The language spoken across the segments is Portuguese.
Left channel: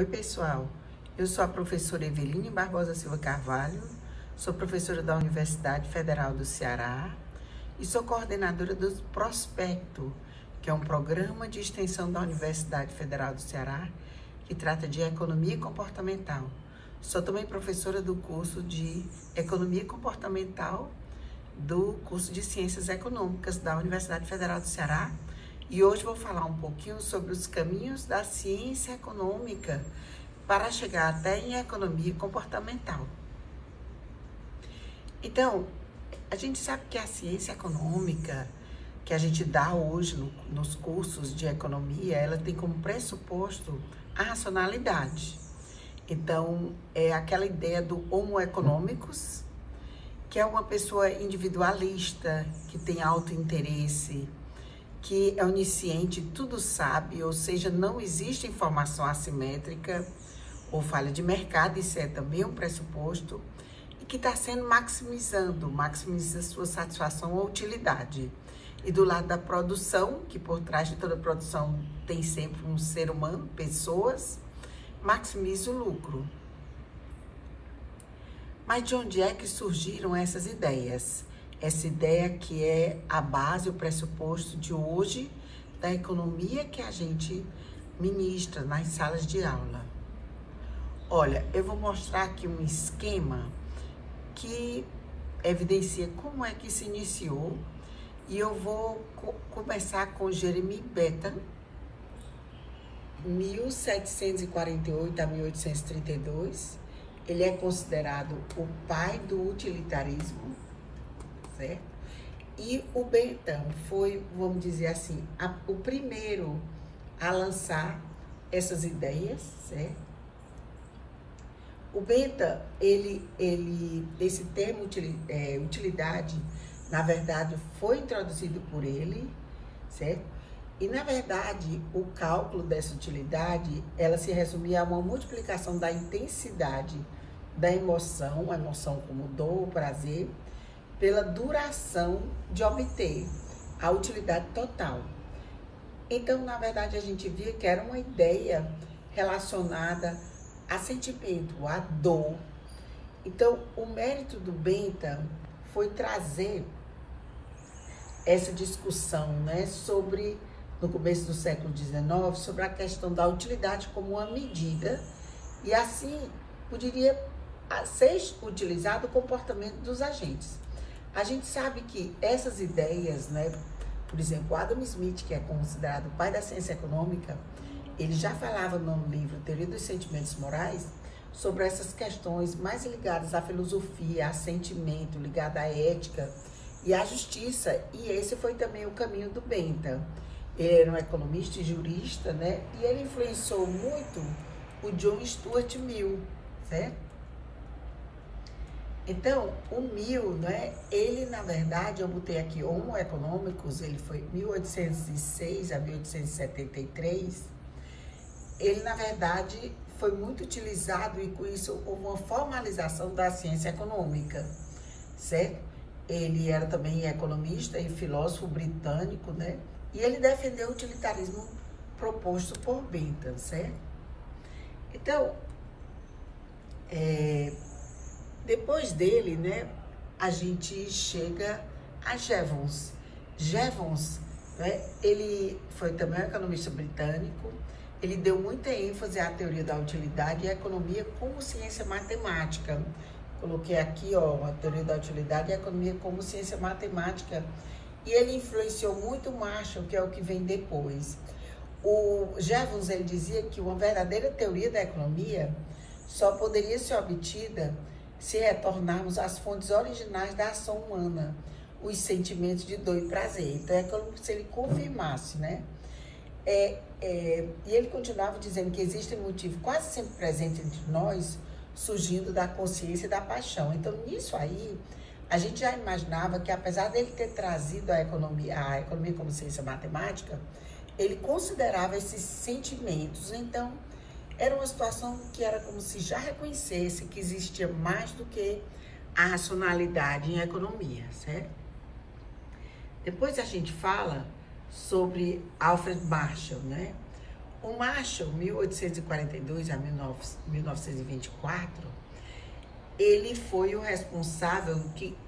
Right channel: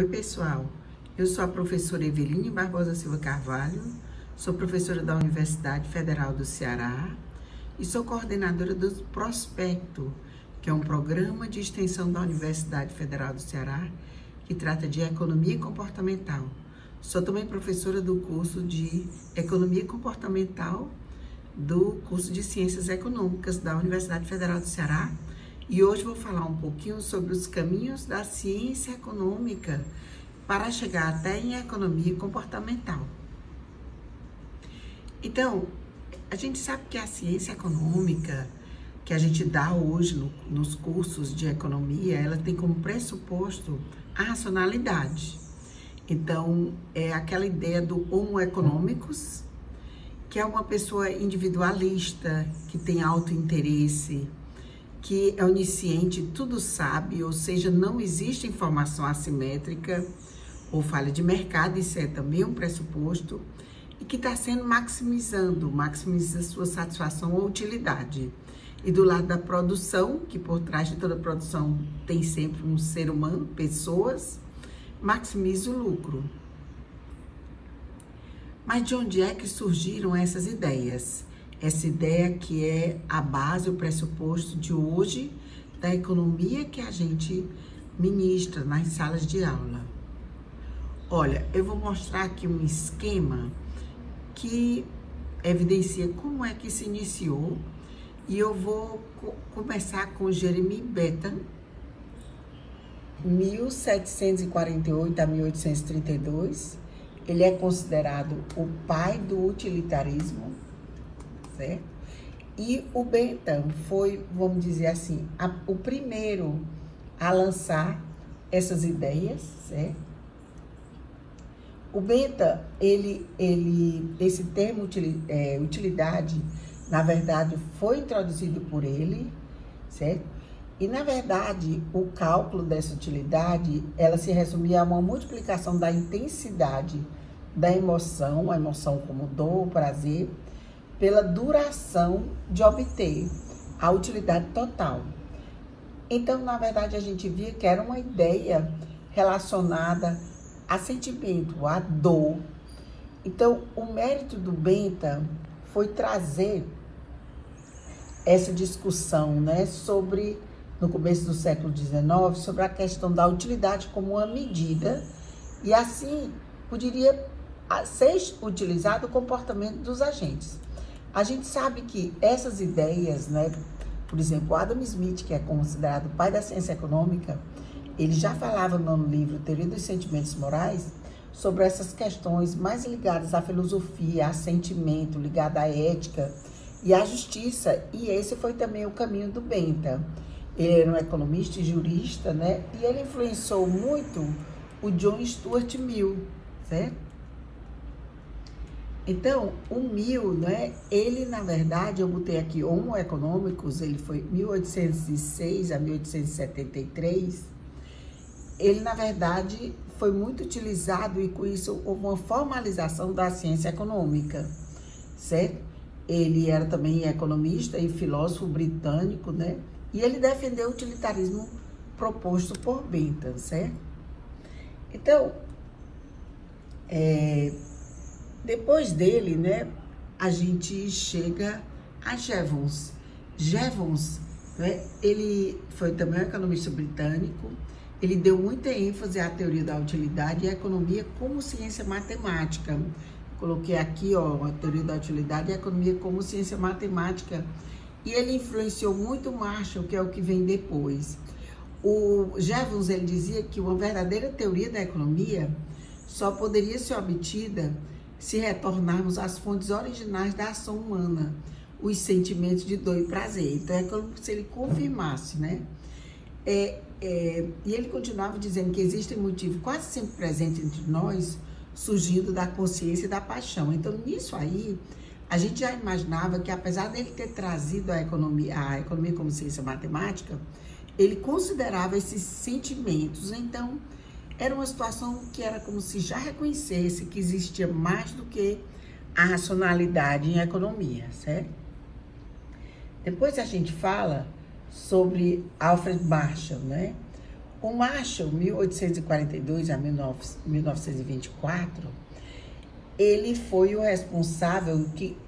Oi, pessoal. Eu sou a professora Eveline Barbosa Silva Carvalho, sou professora da Universidade Federal do Ceará e sou coordenadora do Prospecto, que é um programa de extensão da Universidade Federal do Ceará que trata de economia comportamental. Sou também professora do curso de Economia Comportamental do curso de Ciências Econômicas da Universidade Federal do Ceará. E hoje vou falar um pouquinho sobre os caminhos da ciência econômica para chegar até em economia comportamental. Então, a gente sabe que a ciência econômica que a gente dá hoje nos cursos de economia, ela tem como pressuposto a racionalidade. Então, é aquela ideia do homo economicus, que é uma pessoa individualista, que tem autointeresse, que é onisciente, tudo sabe, ou seja, não existe informação assimétrica ou falha de mercado, isso é também um pressuposto, e que está sendo maximiza sua satisfação ou utilidade. E do lado da produção, que por trás de toda produção tem sempre um ser humano, pessoas, maximiza o lucro. Mas de onde é que surgiram essas ideias? Essa ideia que é a base, o pressuposto de hoje da economia que a gente ministra nas salas de aula. Olha, eu vou mostrar aqui um esquema que evidencia como é que se iniciou e eu vou começar com Jeremy Bentham, 1748 a 1832. Ele é considerado o pai do utilitarismo, certo? E o Bentham foi, vamos dizer assim, o primeiro a lançar essas ideias, certo? O Bentham, esse termo utilidade, na verdade, foi introduzido por ele, certo? E, na verdade, o cálculo dessa utilidade, ela se resumia a uma multiplicação da intensidade da emoção, a emoção como dor, prazer, pela duração de obter a utilidade total. Então, na verdade, a gente via que era uma ideia relacionada a sentimento, a dor. Então, o mérito do Bentham foi trazer essa discussão, né, sobre, no começo do século XIX, sobre a questão da utilidade como uma medida e assim poderia ser utilizado o comportamento dos agentes. A gente sabe que essas ideias, né, por exemplo, Adam Smith, que é considerado o pai da ciência econômica, ele já falava no livro Teoria dos Sentimentos Morais sobre essas questões mais ligadas à filosofia, a sentimento, ligada à ética e à justiça, e esse foi também o caminho do Bentham. Ele era um economista e jurista, né, e ele influenciou muito o John Stuart Mill, certo? Então, o Mill, né, ele, na verdade, eu botei aqui Homo Economicus, ele foi 1806 a 1873, ele, na verdade, foi muito utilizado e com isso houve uma formalização da ciência econômica, certo? Ele era também economista e filósofo britânico, né, e ele defendeu o utilitarismo proposto por Bentham, certo? Então, depois dele, né, a gente chega a Jevons. Jevons, né, ele foi também um economista britânico, ele deu muita ênfase à teoria da utilidade e à economia como ciência matemática. Coloquei aqui, ó, a teoria da utilidade e a economia como ciência matemática. E ele influenciou muito Marshall, que é o que vem depois. O Jevons, ele dizia que uma verdadeira teoria da economia só poderia ser obtida se retornarmos às fontes originais da ação humana, os sentimentos de dor e prazer. Então, é como se ele confirmasse, né? E ele continuava dizendo que existem motivos quase sempre presentes entre nós, surgindo da consciência e da paixão. Então, nisso aí, a gente já imaginava que, apesar dele ter trazido a economia como ciência matemática, ele considerava esses sentimentos. Então, era uma situação que era como se já reconhecesse que existia mais do que a racionalidade em economia, certo? Depois a gente fala sobre Alfred Marshall, né? O Marshall, 1842 a 1924, ele foi o responsável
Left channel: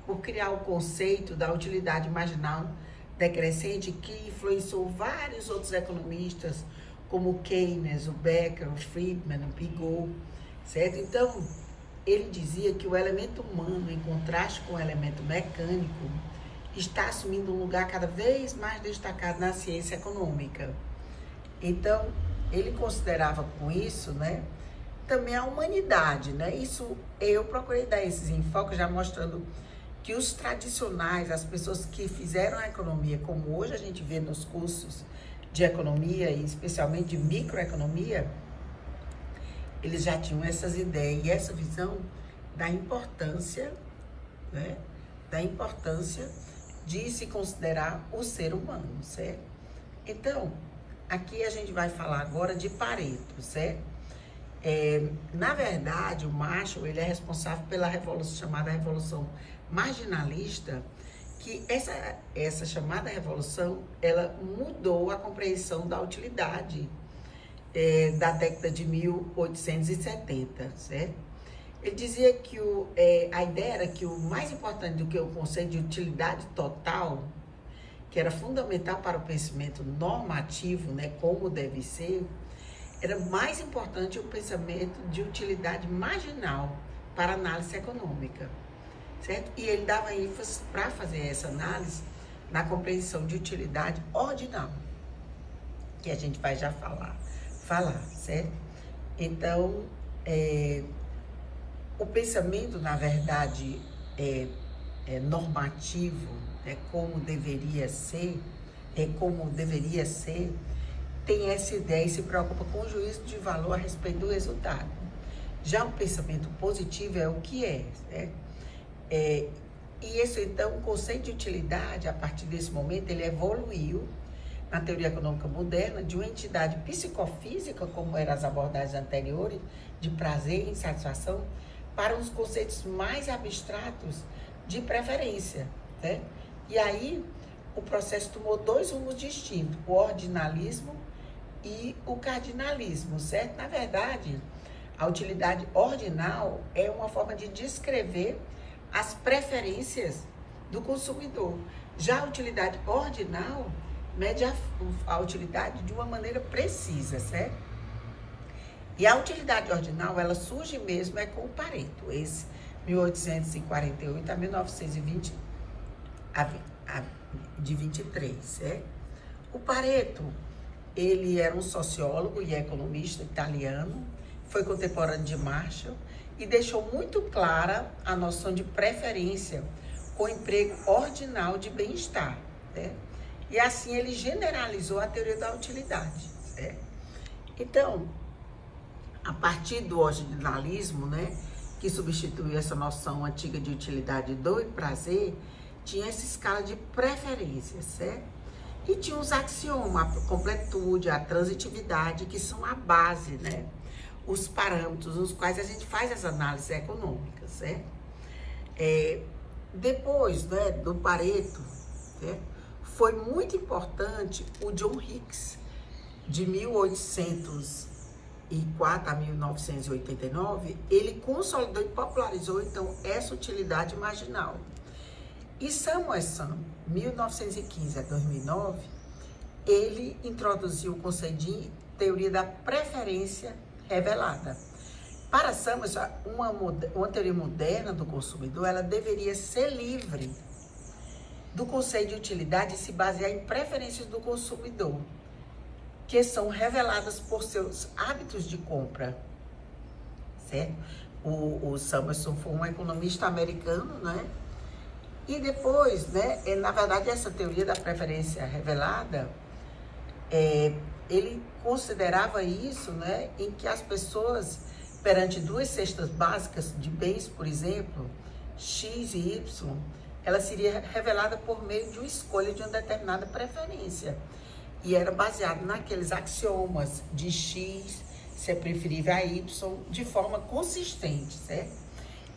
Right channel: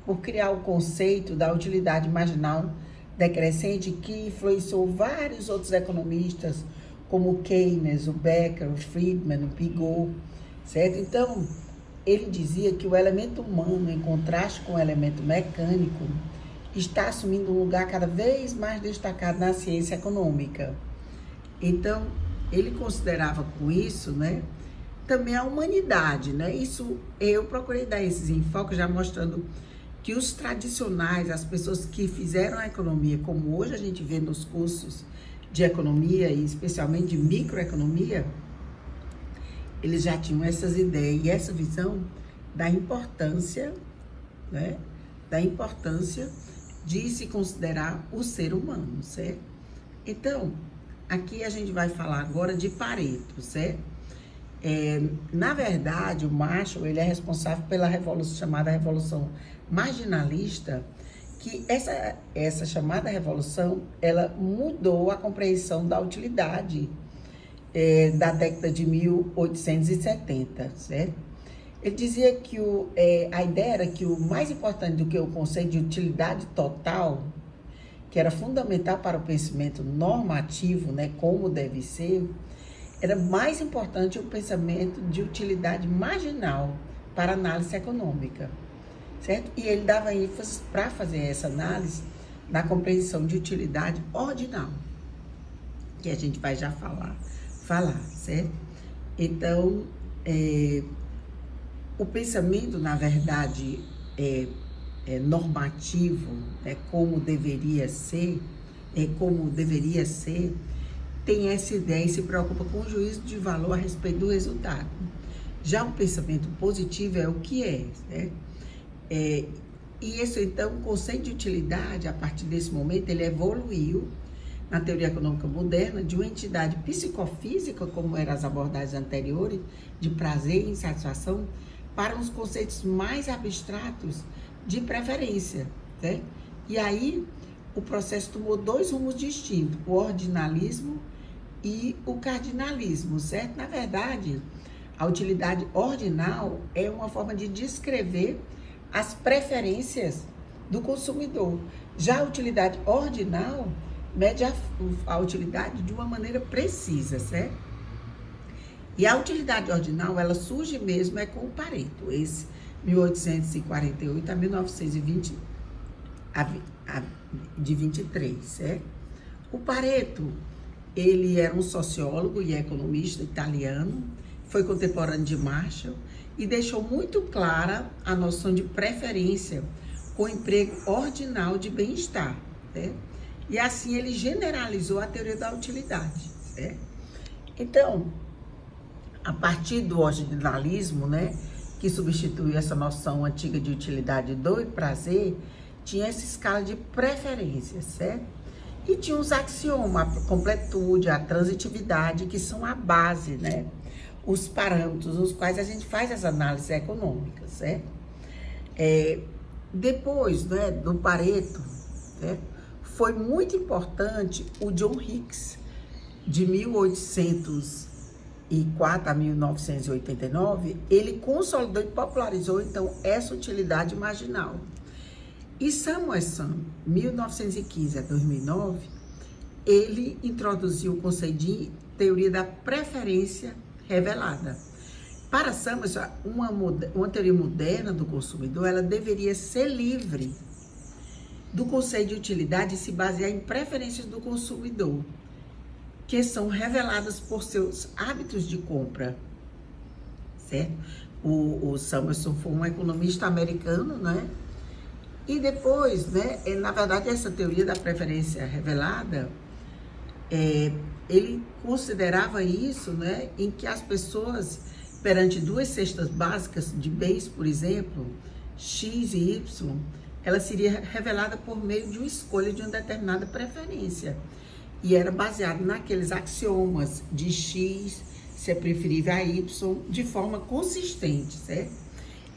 por criar o conceito da utilidade marginal decrescente, que influenciou vários outros economistas, como o Keynes, o Becker, o Friedman, o Piaget, certo? Então, ele dizia que o elemento humano, em contraste com o elemento mecânico, está assumindo um lugar cada vez mais destacado na ciência econômica. Então, ele considerava com isso, né, também a humanidade, né? Isso, eu procurei dar esses enfoques já mostrando que os tradicionais, as pessoas que fizeram a economia, como hoje a gente vê nos cursos de economia e especialmente de microeconomia, eles já tinham essas ideias e essa visão da importância, né, da importância de se considerar o ser humano, certo? Então, aqui a gente vai falar agora de Pareto, certo? Na verdade, o Marshall, ele é responsável pela revolução, chamada Revolução Marginalista, que essa chamada revolução, ela mudou a compreensão da utilidade da década de 1870, certo? Ele dizia que a ideia era que o mais importante do que o conceito de utilidade total, que era fundamental para o pensamento normativo, né, como deve ser, era mais importante o pensamento de utilidade marginal para análise econômica, certo? E ele dava ênfase para fazer essa análise na compreensão de utilidade ordinal, que a gente vai já falar, certo? Então, o pensamento, na verdade, normativo, como deveria ser, tem essa ideia e se preocupa com o juízo de valor a respeito do resultado. Já o pensamento positivo é o que é, né? E esse, então, o conceito de utilidade, a partir desse momento, ele evoluiu na teoria econômica moderna de uma entidade psicofísica, como eram as abordagens anteriores, de prazer e insatisfação, para uns conceitos mais abstratos de preferência, né? E aí, o processo tomou dois rumos distintos, o ordinalismo e o cardinalismo, certo? Na verdade, a utilidade ordinal é uma forma de descrever as preferências do consumidor. Já a utilidade ordinal mede a utilidade de uma maneira precisa, certo? E a utilidade ordinal, ela surge mesmo com o Pareto, esse 1848 a 1920, de 23, certo? O Pareto, ele era um sociólogo e economista italiano, foi contemporâneo de Marshall e deixou muito clara a noção de preferência com o emprego ordinal de bem-estar, né? E assim ele generalizou a teoria da utilidade, né? Então, a partir do ordinalismo, né, que substituiu essa noção antiga de utilidade do prazer, tinha essa escala de preferência, certo? E tinha os axiomas, a completude, a transitividade, que são a base, né? Os parâmetros nos quais a gente faz as análises econômicas, certo? Depois, né, do Pareto, certo? Foi muito importante o John Hicks, de 1804 a 1989, ele consolidou e popularizou, então, essa utilidade marginal. E Samuelson, 1915 a 2009, ele introduziu o conceito de teoria da preferência revelada. Para Samuelson, uma teoria moderna do consumidor, ela deveria ser livre do conceito de utilidade e se basear em preferências do consumidor, que são reveladas por seus hábitos de compra, certo? O Samuelson foi um economista americano, né? E depois, né, na verdade, essa teoria da preferência revelada, ele considerava isso, né, em que as pessoas, perante duas cestas básicas de bens, por exemplo, X e Y, ela seria revelada por meio de uma escolha de uma determinada preferência. E era baseado naqueles axiomas de X ser preferível a Y de forma consistente, certo?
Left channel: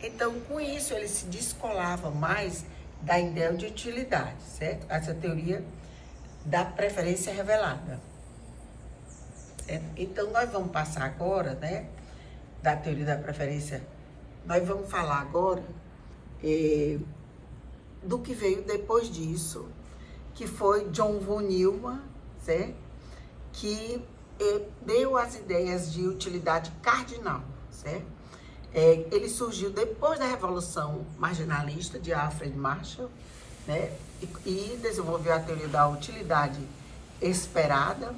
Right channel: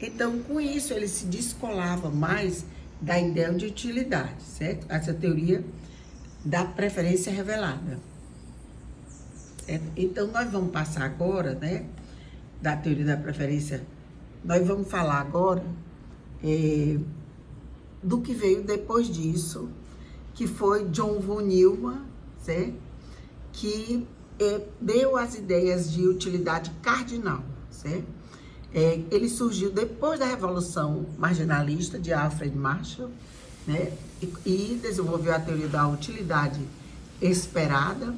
Então, com isso, ele se descolava mais da ideia de utilidade, certo? Essa teoria da preferência revelada, Certo? Então, nós vamos passar agora, né, da teoria da preferência, nós vamos falar agora do que veio depois disso, que foi John von Neumann, certo? Que deu as ideias de utilidade cardinal, certo? Ele surgiu depois da Revolução Marginalista de Alfred Marshall, né? E desenvolveu a teoria da utilidade esperada.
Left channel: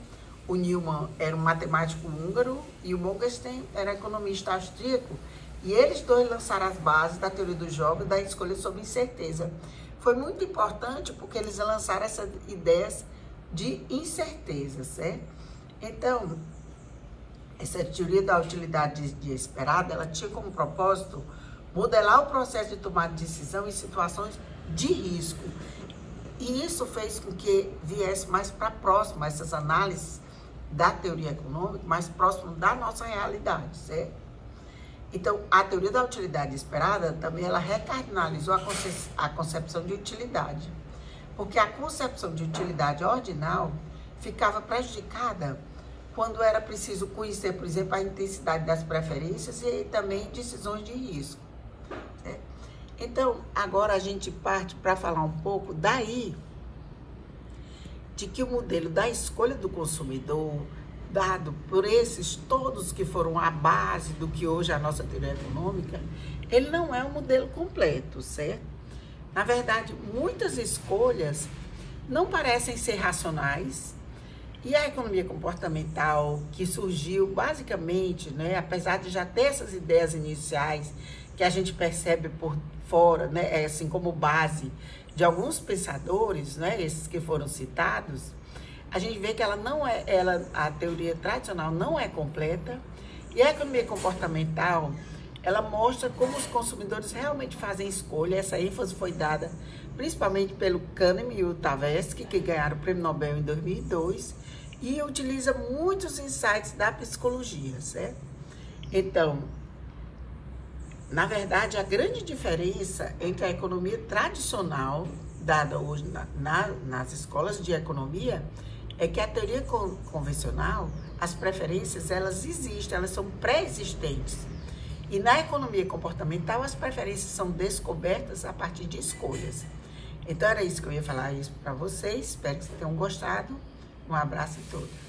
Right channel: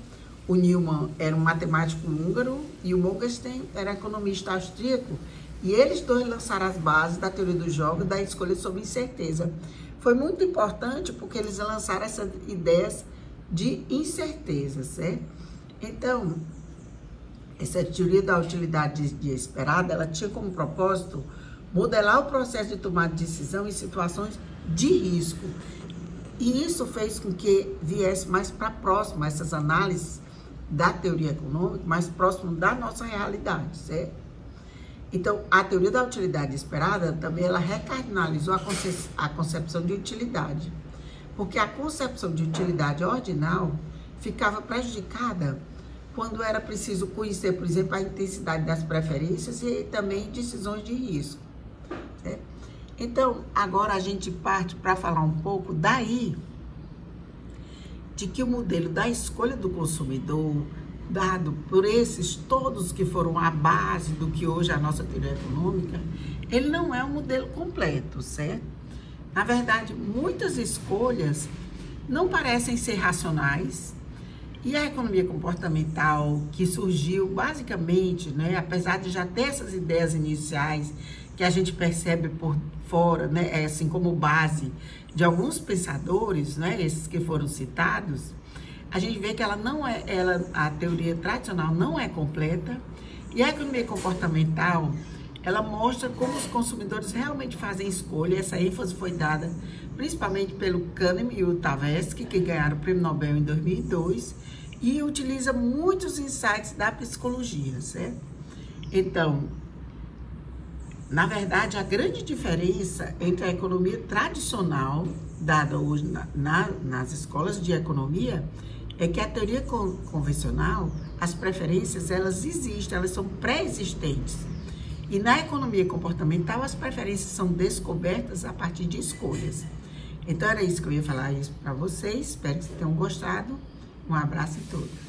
O Neumann era um matemático húngaro e o Morgenstern era economista austríaco. E eles dois lançaram as bases da teoria do jogo e da escolha sob incerteza. Foi muito importante porque eles lançaram essas ideias de incerteza, certo? Então, essa teoria da utilidade esperada, ela tinha como propósito modelar o processo de tomada de decisão em situações de risco. E isso fez com que viesse mais para próximo essas análises da teoria econômica, mais próximo da nossa realidade, certo? Então, a teoria da utilidade esperada também ela recardinalizou a concepção de utilidade, porque a concepção de utilidade ordinal ficava prejudicada quando era preciso conhecer, por exemplo, a intensidade das preferências e também decisões de risco, certo? Então, agora a gente parte para falar um pouco daí de que o modelo da escolha do consumidor, dado por esses todos que foram a base do que hoje é a nossa teoria econômica, ele não é um modelo completo, certo? Na verdade, muitas escolhas não parecem ser racionais e a economia comportamental que surgiu basicamente, né, apesar de já ter essas ideias iniciais que a gente percebe por fora, né, assim como base de alguns pensadores, né, esses que foram citados, a gente vê que ela não é, a teoria tradicional não é completa e a economia comportamental, ela mostra como os consumidores realmente fazem escolha. Essa ênfase foi dada principalmente pelo Kahneman e o Tversky, que ganharam o Prêmio Nobel em 2002 e utiliza muitos insights da psicologia, certo? Então, na verdade, a grande diferença entre a economia tradicional, dada hoje nas escolas de economia, é que a teoria convencional, as preferências, elas existem, elas são pré-existentes. E na economia comportamental, as preferências são descobertas a partir de escolhas. Então, era isso que eu ia falar para vocês. Espero que vocês tenham gostado. Um abraço a todos.